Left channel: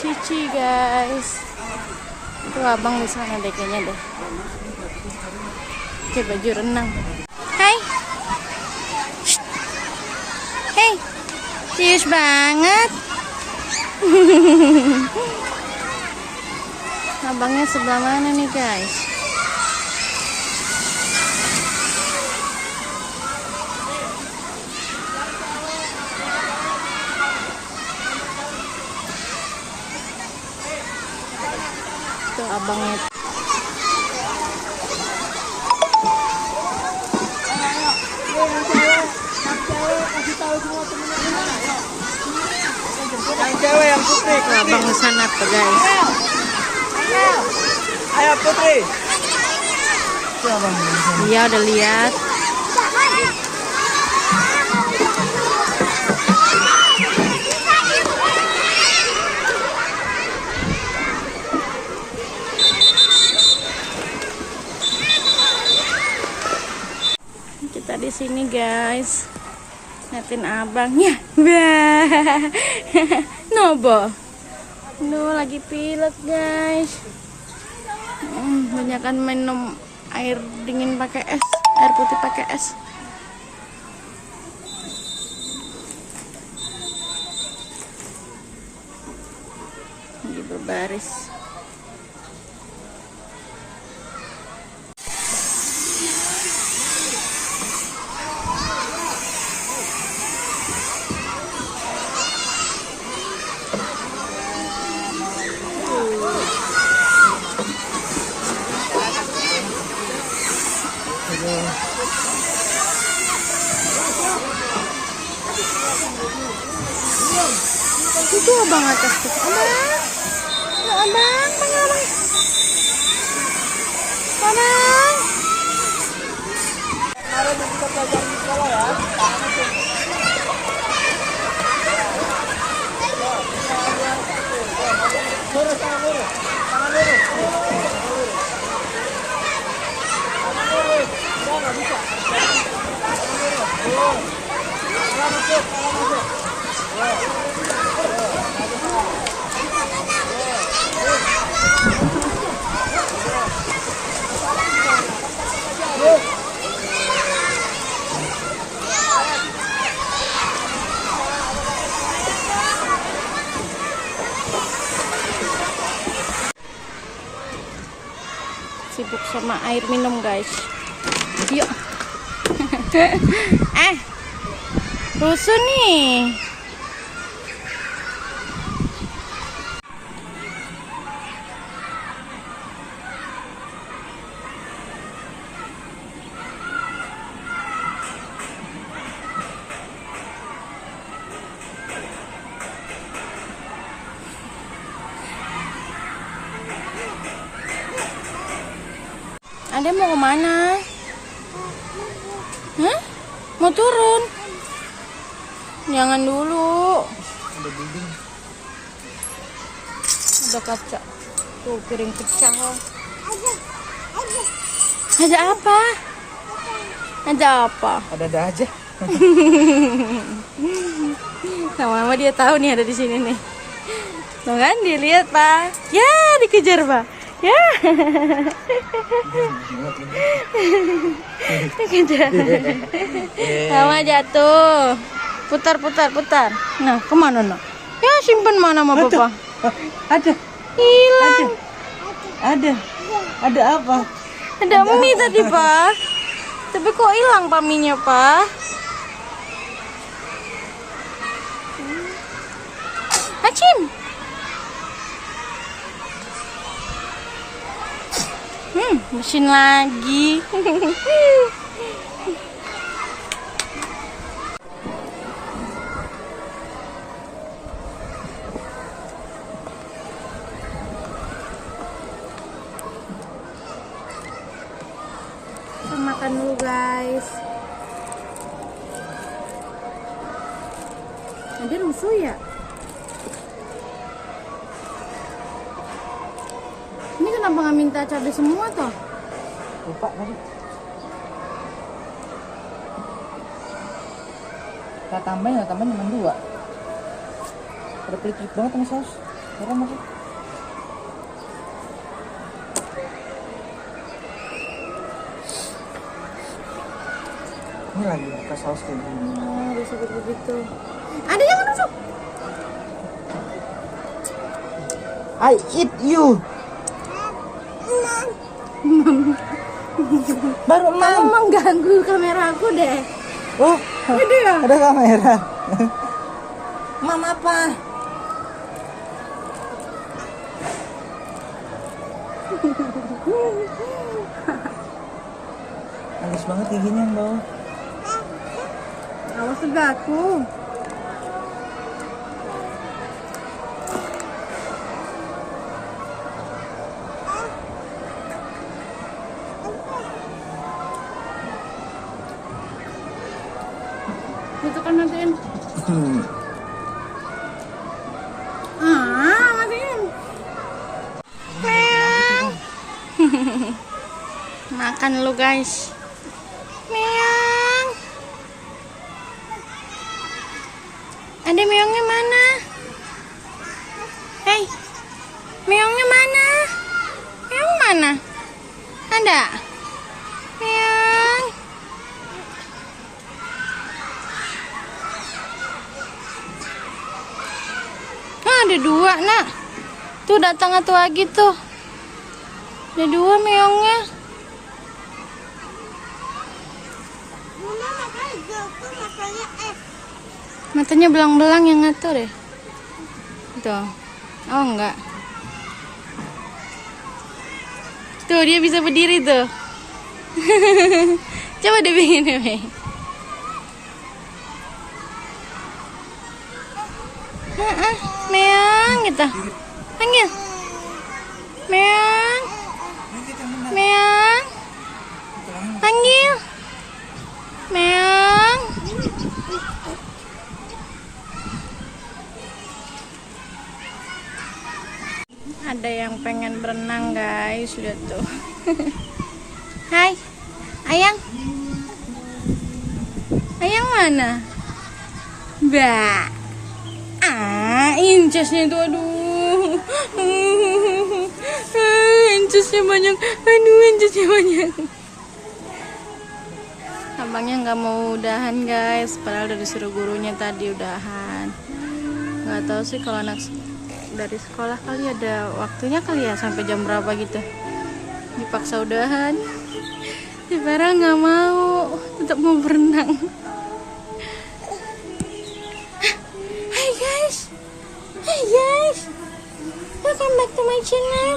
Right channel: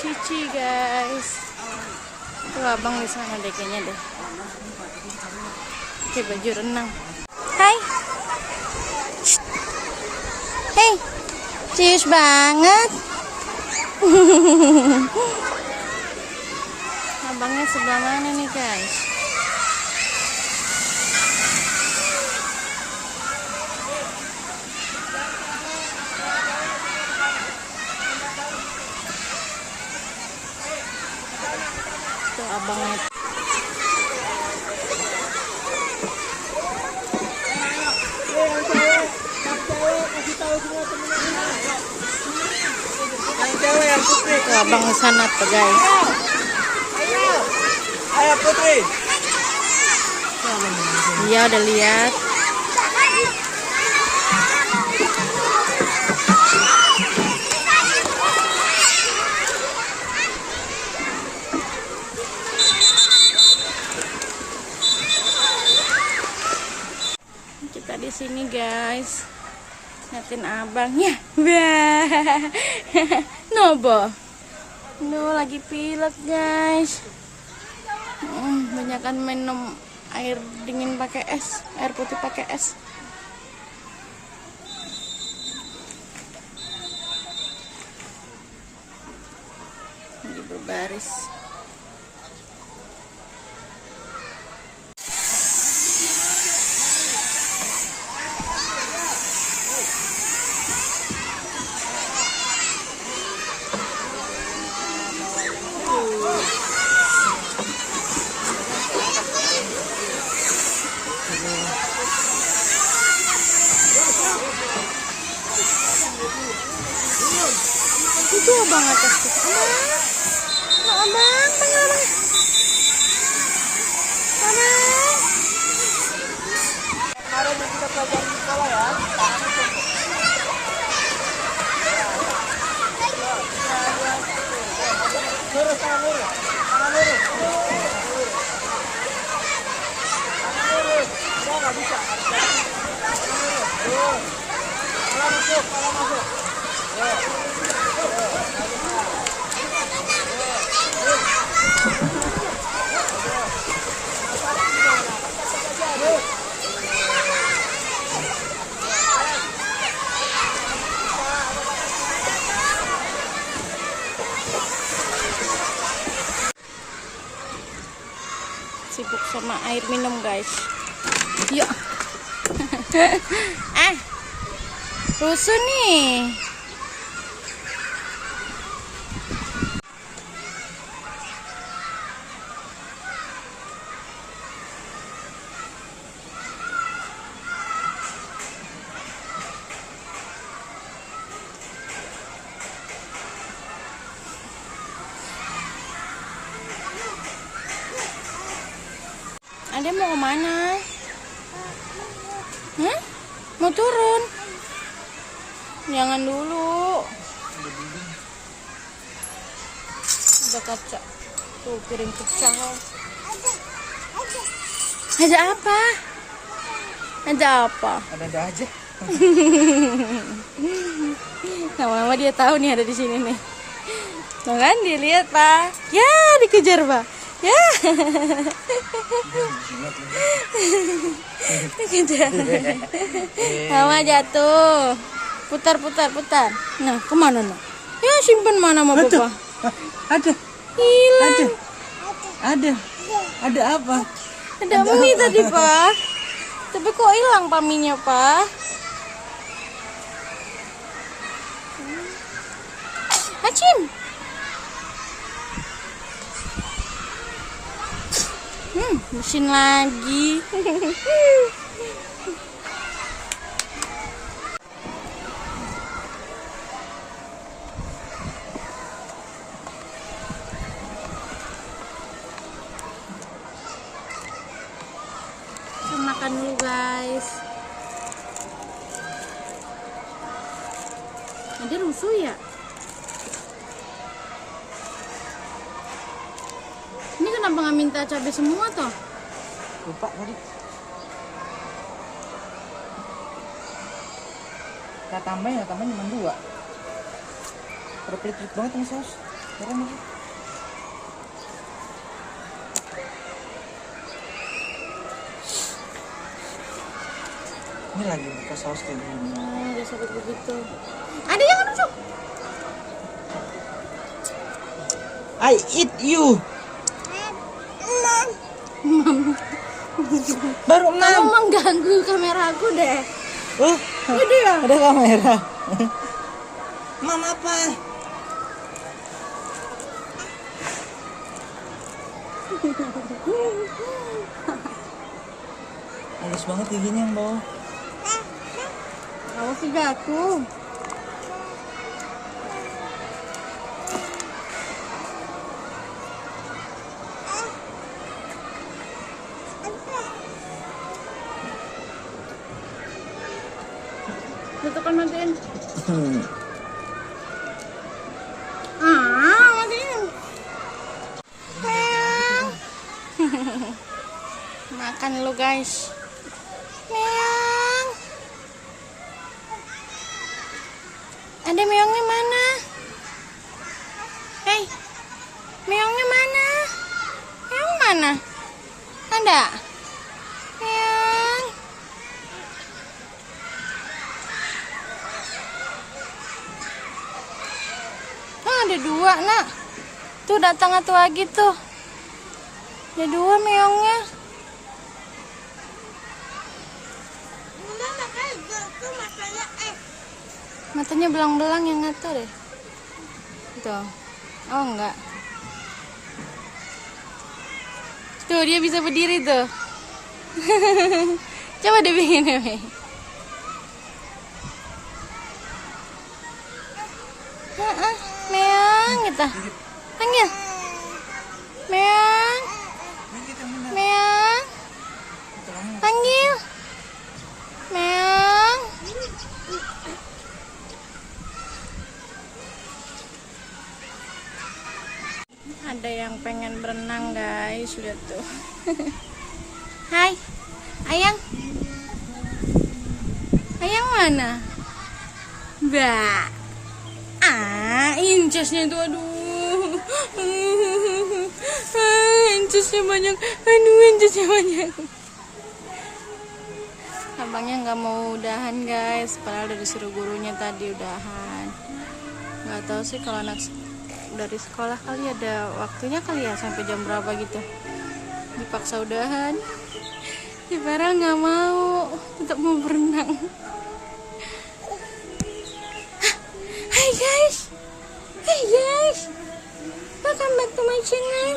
Cici guys. Itu abang di sana deh kayaknya deh. Oke, baju renang. Hai. Hei, cius banget. Abangnya sebelah mana nih guys? Tuh abangnya. Tuh abang di sana tuh guys. Ayo Putri. Iya udah lihat. Kita di sini guys. Liatin abangnya. Wah. Nobo. No lagi pilek guys. Banyakan minum air dingin pakai es, air putih pakai es. Lagi berbaris. Itu abang atas tuh. Abang. Abang. Abang. Kemarin yang kita pelajari di sekolah ya. Lurus, tangan lurus. Tangan lurus. Tangan lurus. Udah nggak bisa. Tangan lurus. Lurus. Kepala masuk, kepala masuk. Sibuk sama air minum guys. Yuk. Rusuh nih. Ade mau kemana? Hah? Mau turun? Jangan dulu. Ada kaca. Tuh piring pecah. Ada apa? Ada apa? Ada aja. Lama-lama dia tahu nih ada di sini nih. Tuh kan dilihat Pak. Ya dikejar Pak. Ya. Dikejar. Mama jatuh. Putar. Nah kemana nak? Ya simpan mana sama Papa? Ada. Hilang. Ada apa? Ada mie tadi Pak. Tapi kok hilang paminya Pak? Acim. Mesin lagi. Kita makan dulu guys. Ada rusuh ya? Ini kenapa nggak minta cabai semua toh? Lupa tadi. Kita tambahin cuma 2. Udah pelit-pelit banget sama saus. Turun lagi. Ini lagi buka saus kayak gini. Dia sakit begitu. Ada yang masuk. I eat you. Baru Kamu 6. mengganggu kamera aku deh. Oh, Ada ya? ada kamera. Mam apa? Halus banget giginya yang bawah. Awas jatuh. Itu kan matiin. Matiin. Meong. Makan lu guys. Meong. Ada meongnya mana? Hei, meongnya mana? Meong mana? Ada? Meong. Ada 2 nak. Tuh datang satu lagi tuh. Ada 2 meongnya. Matanya belang-belang yang ngatur deh. Tuh. Oh enggak. Tuh dia bisa berdiri tuh. Coba deh bikin deh. Meong gitu. Panggil. Meong. Meong. Panggil. Meong. Ada yang pengen berenang guys, lihat tuh. Hai. Ayang. Ayang mana? Mbak. Incesnya itu aduh. Incesnya banyak. Aduh, incesnya banyak. Abangnya nggak mau udahan guys, padahal udah disuruh gurunya tadi udahan. Nggak tahu sih kalau anak dari sekolah kali ada waktunya kali ya sampai jam berapa gitu. Dipaksa udahan. Si Farel nggak mau, tetap mau berenang. Hai guys, hey guys, welcome back to my channel.